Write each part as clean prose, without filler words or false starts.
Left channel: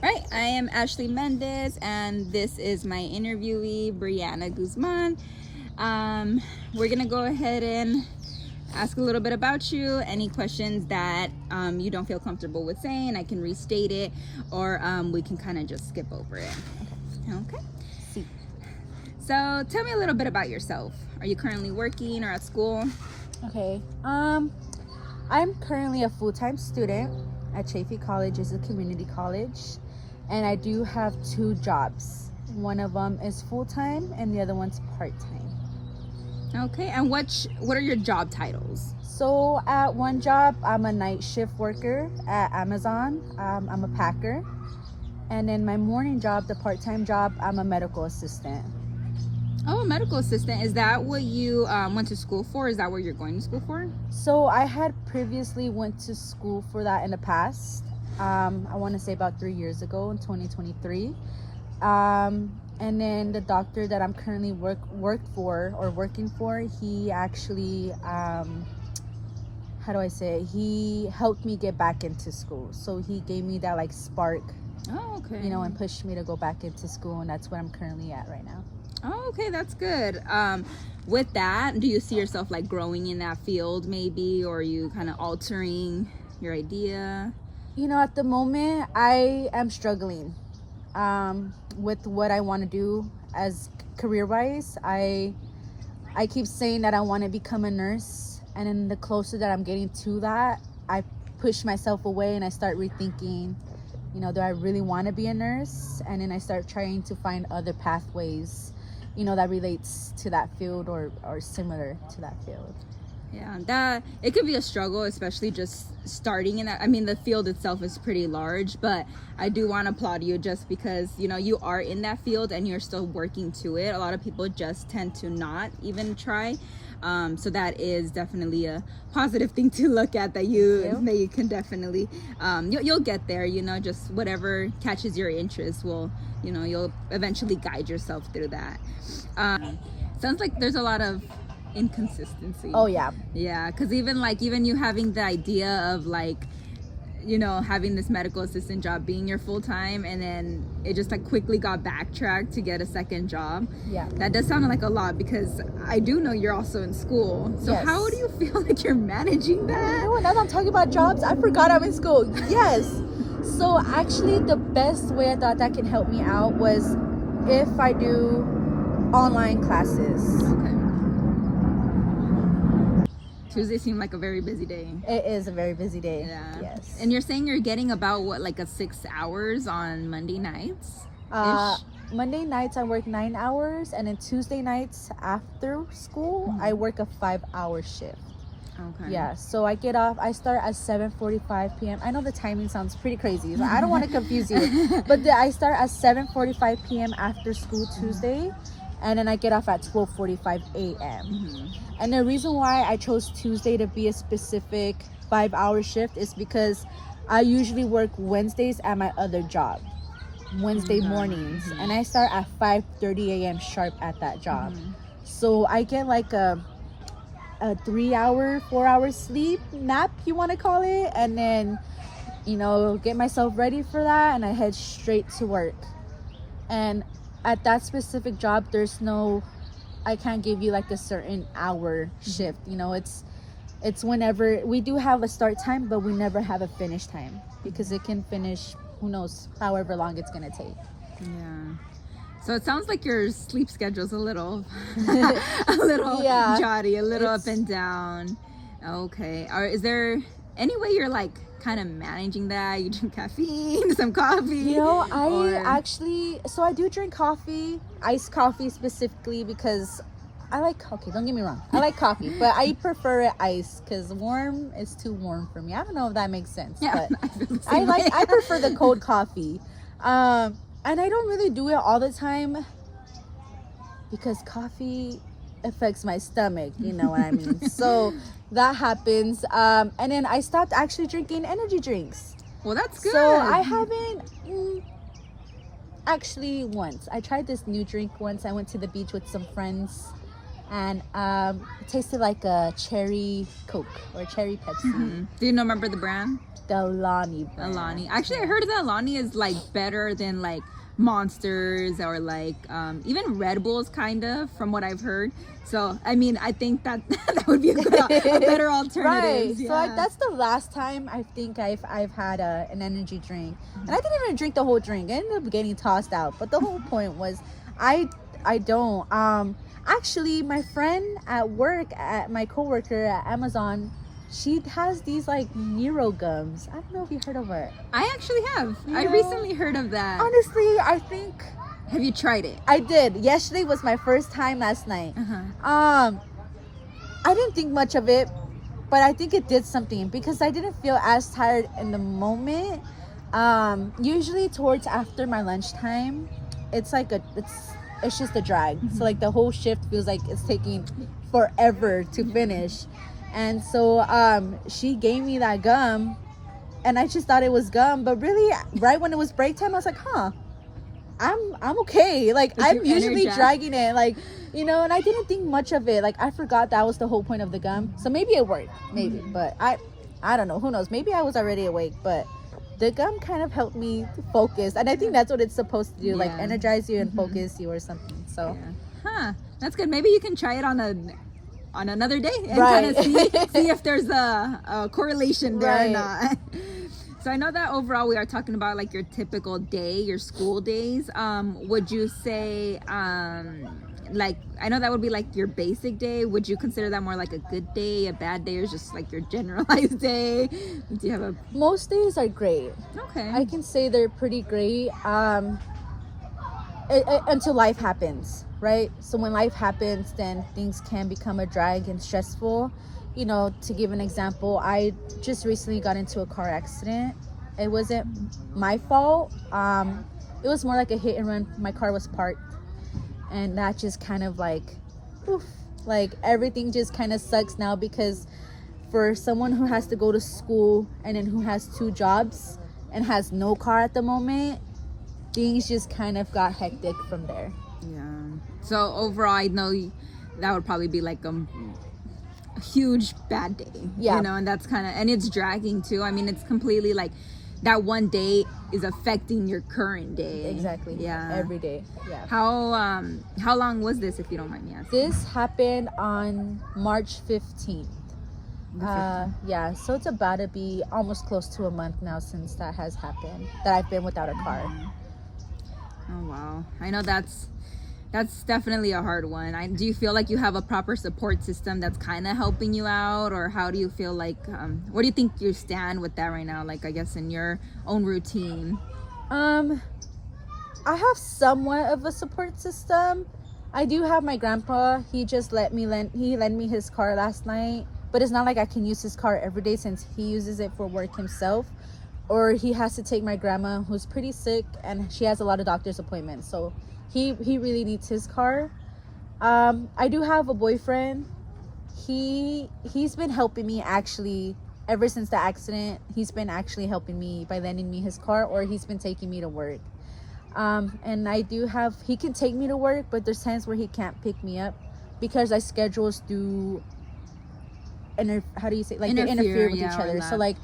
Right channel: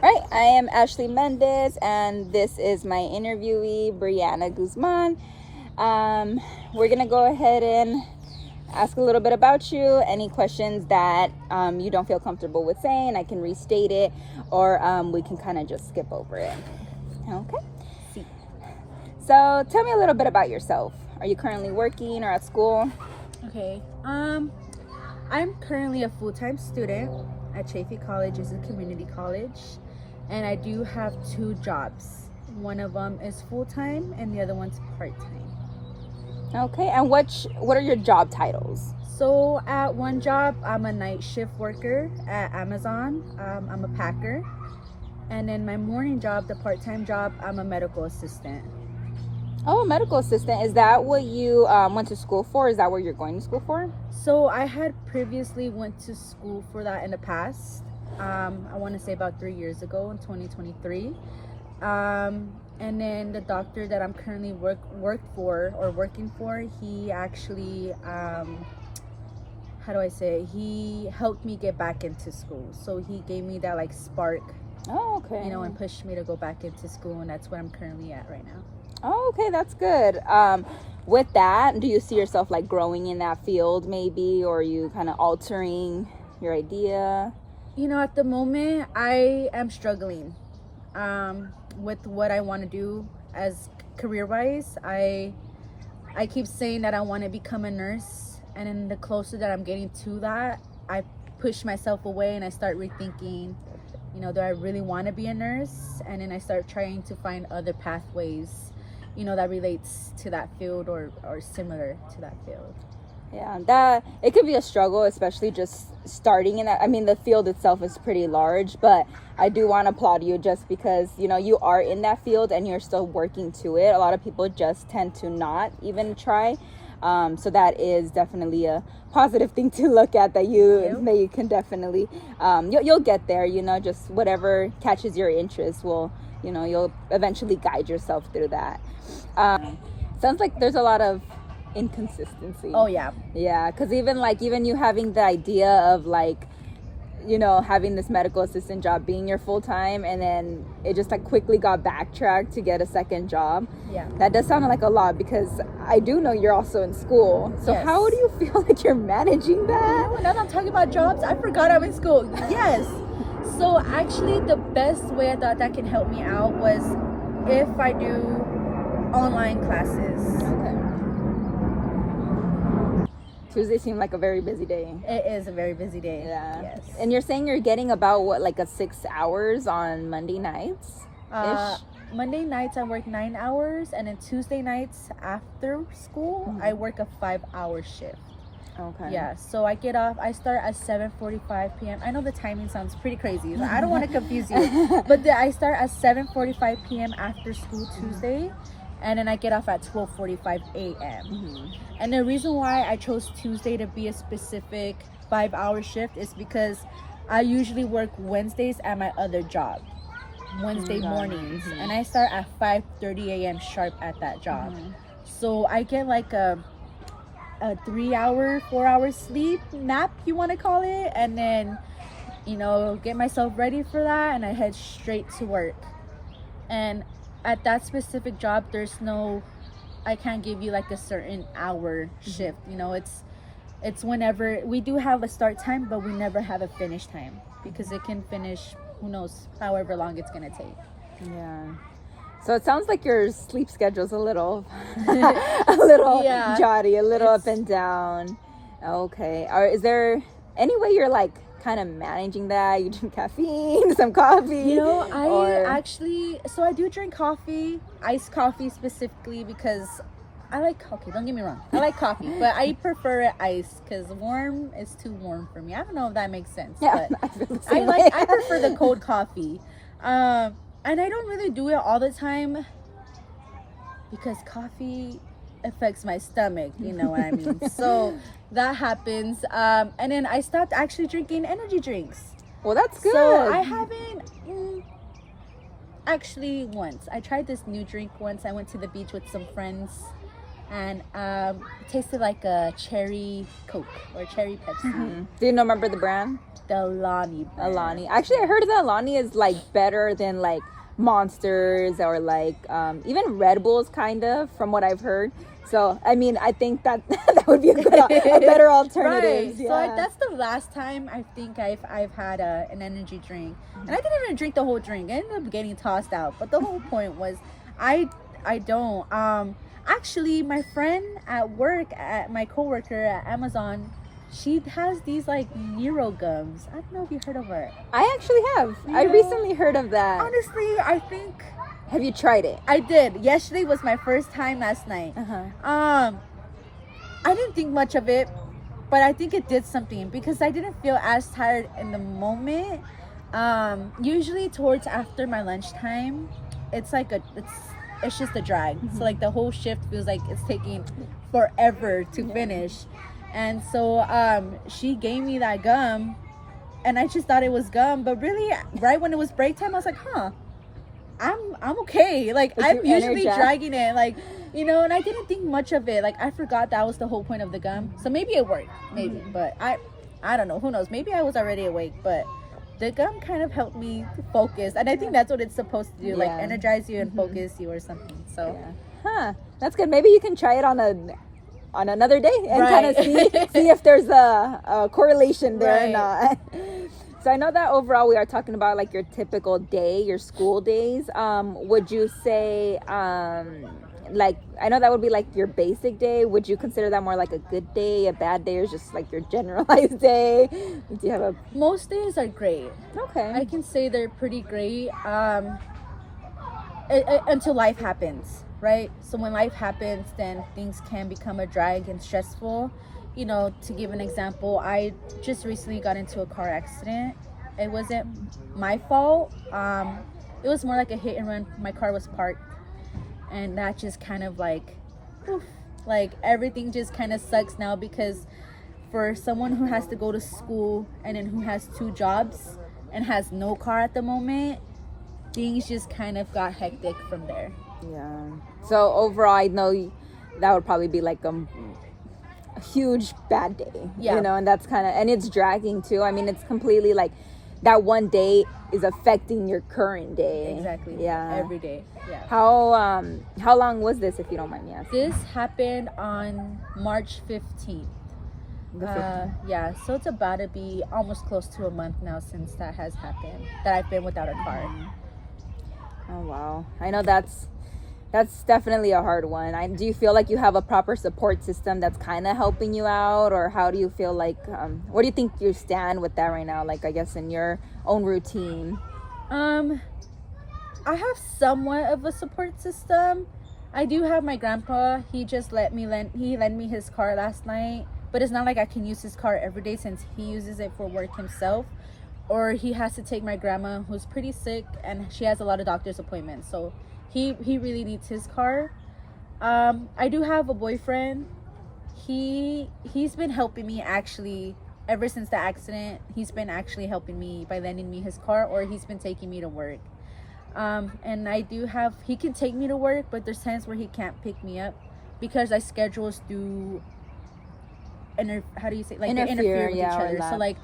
Right, I am Ashley Mendez, and this is my interviewee, Brianna Guzman. We're going to go ahead and ask a little bit about you. Any questions that you don't feel comfortable with saying, I can restate it, or we can kind of just skip over it. Okay. Sí. So tell me a little bit about yourself. Are you currently working or at school? Okay. I'm currently a full-time student at Chaffey College. It's a community college. And I do have 2 jobs. One of them is full-time and the other one's part-time. Okay, and what are your job titles? So at one job, I'm a night shift worker at Amazon. I'm a packer. And then my morning job, the part-time job, I'm a medical assistant. Oh, a medical assistant. Is that what you went to school for? Is that what you're going to school for? So I had previously went to school for that in the past. I want to say about 3 years ago in 2023. And then the doctor that I'm currently working for, he actually, how do I say it? He helped me get back into school. So he gave me that like spark, Oh, okay. and pushed me to go back into school. And that's where I'm currently at right now. Oh, okay, that's good. With that, do you see yourself like growing in that field maybe, or are you kind of altering your idea? At the moment, I am struggling with what I want to do as career-wise. I keep saying that I want to become a nurse, and then the closer that I'm getting to that, I push myself away and I start rethinking, do I really want to be a nurse? And then I start trying to find other pathways, that relates to that field or similar to that field. Yeah, that it could be a struggle, especially just starting in that. I mean, the field itself is pretty large, but I do want to applaud you just because, you are in that field and you're still working to it. A lot of people just tend to not even try. So that is definitely a positive thing to look at, that you can definitely, you'll get there, just whatever catches your interest will, you'll eventually guide yourself through that. Sounds like there's a lot of inconsistency. Oh yeah, because even you having the idea of having this medical assistant job being your full-time, and then it just quickly got backtracked to get a second job. That does sound like a lot, because I do know you're also in school. So yes. How do you feel like you're managing that? Now that I'm talking about jobs, I forgot I'm in school. Yes. So actually the best way I thought that can help me out was if I do online classes. Okay. Tuesday seemed like a very busy day. It is a very busy day. Yeah. Yes. And you're saying you're getting about a 6 hours on Monday nights? Monday nights I work 9 hours, and then Tuesday nights after school I work a 5-hour shift. Okay. Yeah. So I start at 7:45 p.m. I know the timing sounds pretty crazy. So I don't want to confuse you, but I start at 7:45 p.m. after school Tuesday. And then I get off at 12:45 a.m. And the reason why I chose Tuesday to be a specific 5-hour shift is because I usually work Wednesdays at my other job, Wednesday mornings, and I start at 5:30 a.m. sharp at that job. So I get like a 3-hour, 4-hour sleep nap, you want to call it, and then get myself ready for that, and I head straight to work. And at that specific job, I can't give you like a certain hour shift. It's whenever. We do have a start time, but we never have a finish time, because it can finish, who knows, however long it's gonna take. Yeah. So it sounds like your sleep schedule's a little jotty, a little up and down. Okay. Is there any way you're kind of managing that? You drink caffeine, some coffee? I do drink coffee, iced coffee specifically, because don't get me wrong, I like coffee, but I prefer it iced, because warm is too warm for me. I don't know if that makes sense, but I prefer the cold coffee. And I don't really do it all the time, because coffee affects my stomach, you know what I mean? So that happens. And then I stopped actually drinking energy drinks. Well, that's good. So I haven't actually once. I tried this new drink once. I went to the beach with some friends, and it tasted like a cherry Coke or cherry Pepsi. Do you remember the brand? the Alani brand. Alani. Actually, I heard that Alani is like better than like Monsters or like even Red Bulls, kind of, from what I've heard. So I mean, I think that that would be a better alternative. Right. So that's the last time I think I've had an energy drink, and I didn't even drink the whole drink. I ended up getting tossed out. But the whole point was, I don't. Actually, my friend at work, at my coworker at Amazon, she has these like Nero gums. I don't know if you heard of it. I actually have. I recently heard of that. Honestly, I think. Have you tried it? I did. Yesterday was my first time last night. I didn't think much of it, but I think it did something because I didn't feel as tired in the moment. Usually towards after my lunchtime, it's like it's just a drag. So like the whole shift feels like it's taking forever to finish. And so she gave me that gum, and I just thought it was gum, but really right when it was break time, I was like, I'm okay. Like I'm usually dragging it, like, you know, and I didn't think much of it. Like I forgot that was the whole point of the gum. So maybe it worked, maybe, but I don't know. Who knows? Maybe I was already awake, but the gum kind of helped me focus, and I think that's what it's supposed to do, like energize you and focus you or something. So, that's good. Maybe you can try it on another day and kind of see if there's a correlation there or not. So I know that overall we are talking about like your typical day, your school days. Would you say like, I know that would be like your basic day. Would you consider that more like a good day, a bad day, or just like your generalized day? Do you have most days are great. Okay. I can say they're pretty great until life happens, right? So when life happens, then things can become a drag and stressful. You know, to give an example, I just recently got into a car accident. It wasn't my fault. It was more like a hit and run. My car was parked, and that just kind of like, oof, like everything just kind of sucks now, because for someone who has to go to school and then who has 2 jobs and has no car at the moment, things just kind of got hectic from there. Yeah. So overall, I know that would probably be like a huge bad day. Yeah. You know, and that's kind of, and it's dragging too. I mean, it's completely like that one day is affecting your current day. Exactly. Yeah. Every day. Yeah. How long was this, if you don't mind me asking? This happened on March 15th. Yeah, so it's about to be almost close to a month now since that has happened, that I've been without a car. Oh wow. I know that's definitely a hard one. Do you feel like you have a proper support system that's kind of helping you out, or how do you feel like where do you think you stand with that right now, like I guess in your own routine? I have somewhat of a support system. I do have my grandpa. He just lent me his car last night, but it's not like I can use his car every day since he uses it for work himself, or he has to take my grandma, who's pretty sick, and she has a lot of doctor's appointments, so he really needs his car. I do have a boyfriend. He's been helping me actually ever since the accident. He's been actually helping me by lending me his car, or he's been taking me to work. And he can take me to work, but there's times where he can't pick me up because our schedules do interfere with each other. So like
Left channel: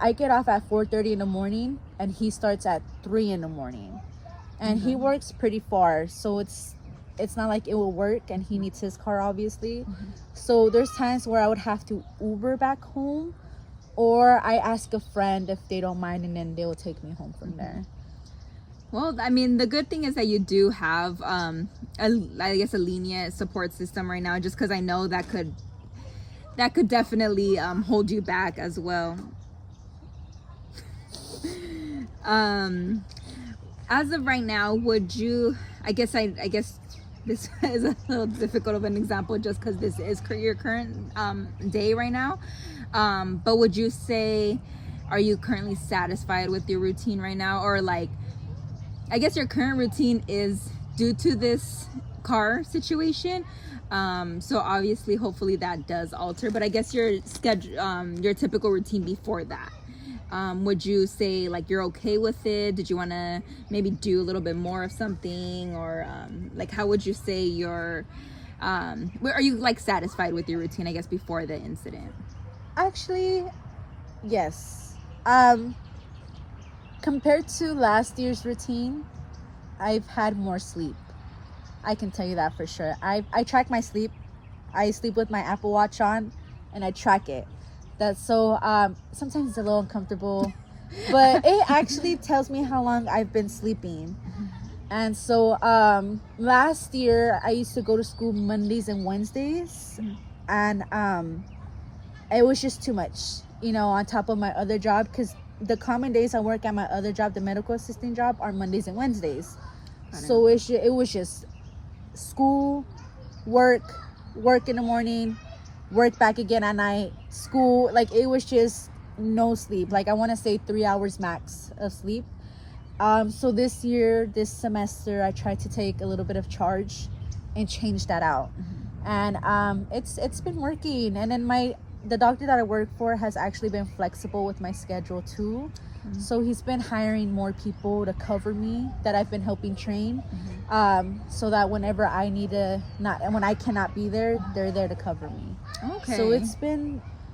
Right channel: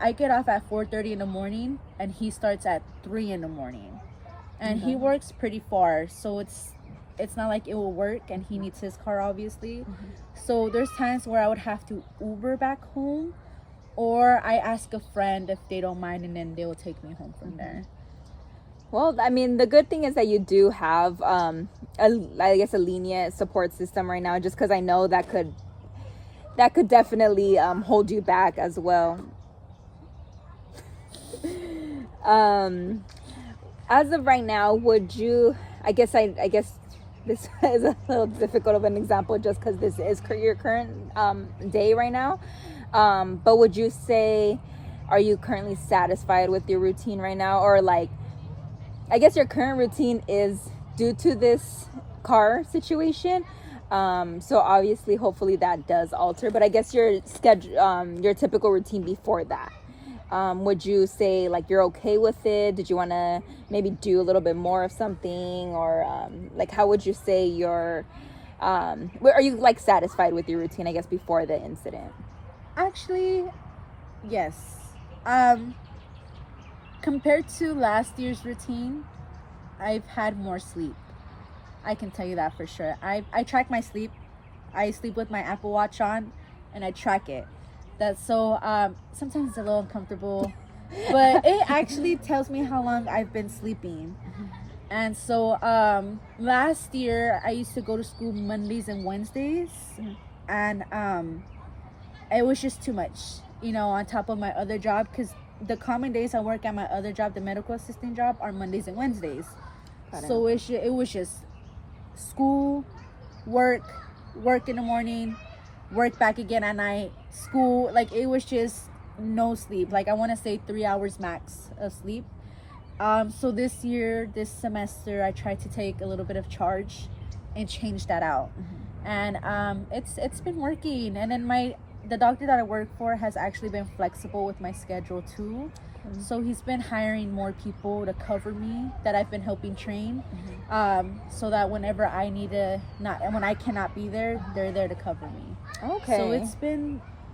I get off at 4:30 in the morning and he starts at 3 in the morning. And he works pretty far, so it's not like it will work, and he needs his car obviously. So there's times where I would have to Uber back home, or I ask a friend if they don't mind, and then they will take me home from there. Well, I mean, the good thing is that you do have a lenient support system right now, just because I know that could definitely hold you back as well. As of right now, would you, I guess this is a little difficult of an example just because this is your current day right now, but would you say, are you currently satisfied with your routine right now? Or like, I guess your current routine is due to this car situation, so obviously hopefully that does alter, but I guess your schedule, your typical routine before that, would you say like you're okay with it? Did you want to maybe do a little bit more of something, or like how would you say are you like satisfied with your routine, I guess, before the incident? Actually, yes. Compared to last year's routine, I've had more sleep. I can tell you that for sure. I track my sleep. I sleep with my Apple Watch on, and I track it. That's so sometimes it's a little uncomfortable, but it actually tells me how long I've been sleeping. And so last year I used to go to school Mondays and Wednesdays, and it was just too much, on top of my other job, because the common days I work at my other job, the medical assistant job, are Mondays and Wednesdays. So it was just school, work in the morning, work back again at night, school. Like, it was just no sleep. Like, I want to say 3 hours max of sleep. So this semester, I tried to take a little bit of charge and change that out. And it's been working. And then the doctor that I work for has actually been flexible with my schedule too. So he's been hiring more people to cover me that I've been helping train, so that whenever when I cannot be there, they're there to cover me. Okay. So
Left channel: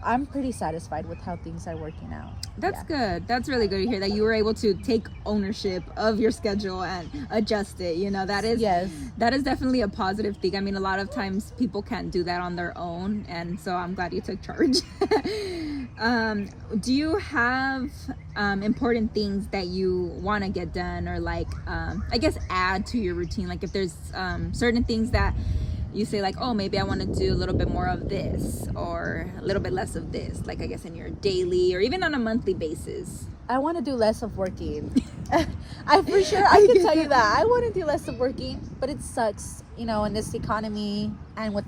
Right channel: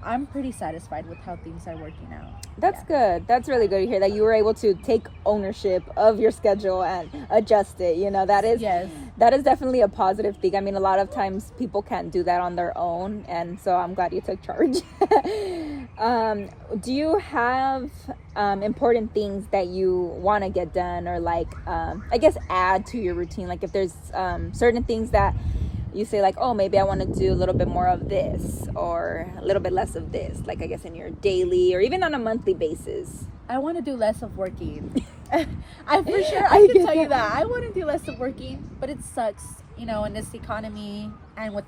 I'm pretty satisfied with how things are working out. That's good. That's really good to hear that you were able to take ownership of your schedule and adjust it. That is definitely a positive thing. I mean, a lot of times people can't do that on their own, and so I'm glad you took charge. Do you have important things that you want to get done, or I guess add to your routine? Like, if there's certain things that you say, like, oh, maybe I want to do a little bit more of this or a little bit less of this, like, I guess in your daily or even on a monthly basis. I want to do less of working. I can tell you that I want to do less of working, but it sucks, in this economy and with